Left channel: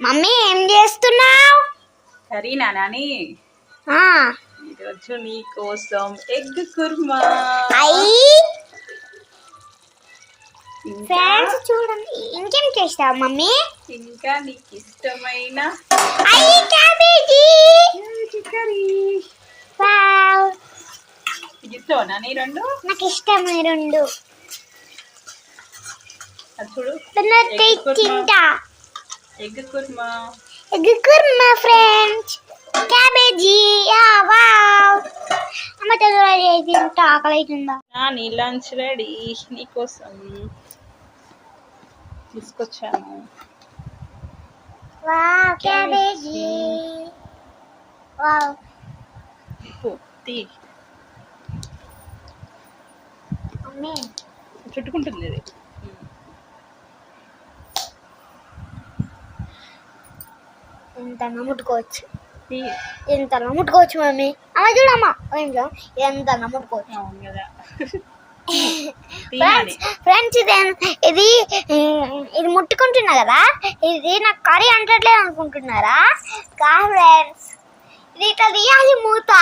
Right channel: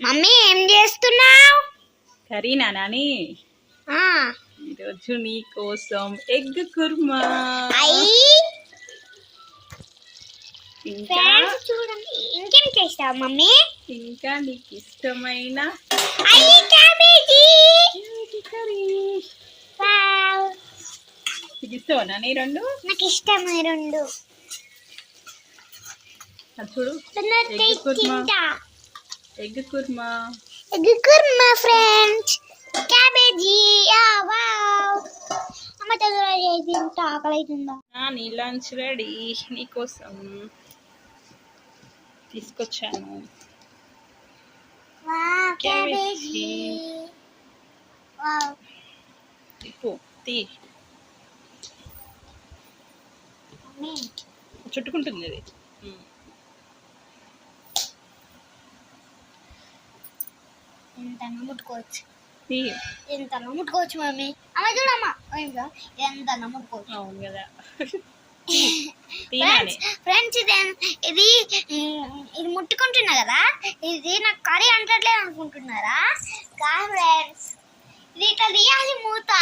Mummy ఏం చేస్తున్నావు? కరీనా నాని? ఈరోజు నీ కోసం ఎగ్ కుర్మా. ఫ్రెండ్స్ చూడండి. ఇంకేం చేస్తావు మమ్మీ? ఇంకా నీకు ఇష్టమైన రెండు? నాకు ఇష్టం రెండు. చూడు. తింటా. Egg kurma. Egg kurma friends cabbage yeah wow. అమ్మ తింటా ఆకలి అవుతుందా నాని లంచ్ రెడీ నీకోసం తీసుకొచ్చాను. Wow cabbage. వావ్. ఇప్పు, తీ. మమ్మీ చుట్టుకుంటుంది ఇది. ఎంత నమ్ముకోవచ్చు తీ. ఎంత నమ్ముకోవచ్చు మమ్మీ. అమ్మ చూడమ్మా. ఏంటో ఎంత నాని. ఫ్రెండ్స్ ఫ్రెండ్స్ ఇది ఇది ముట్టుకుంటున్నా కదా? ఇది నాకు కర్రీ అంటట్లేదు అనుకుంటున్నారా? కా ఫ్రెండ్స్ ఇది ఇట్లా తీయాలి మూత.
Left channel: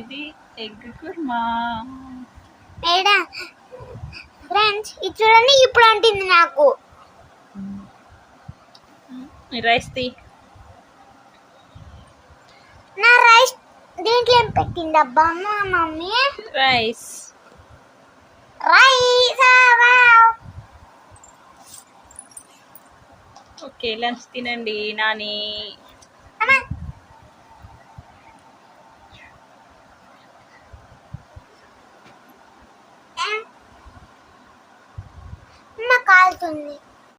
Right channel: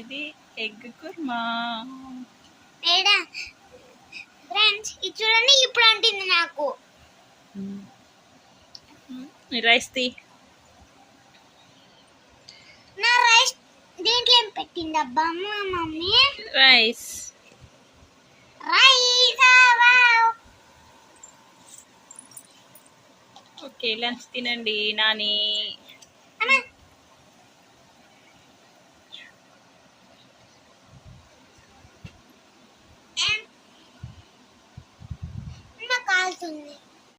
ఇది ఎగ్ కుర్మా. ఫ్రెండ్స్ ఇది చూడండి ఇప్పుడు అంటుంది నాకు. Rice, na rice, dimanapetinda bawa mami? Rice, rice wow. Oke, lunch dinande Nani.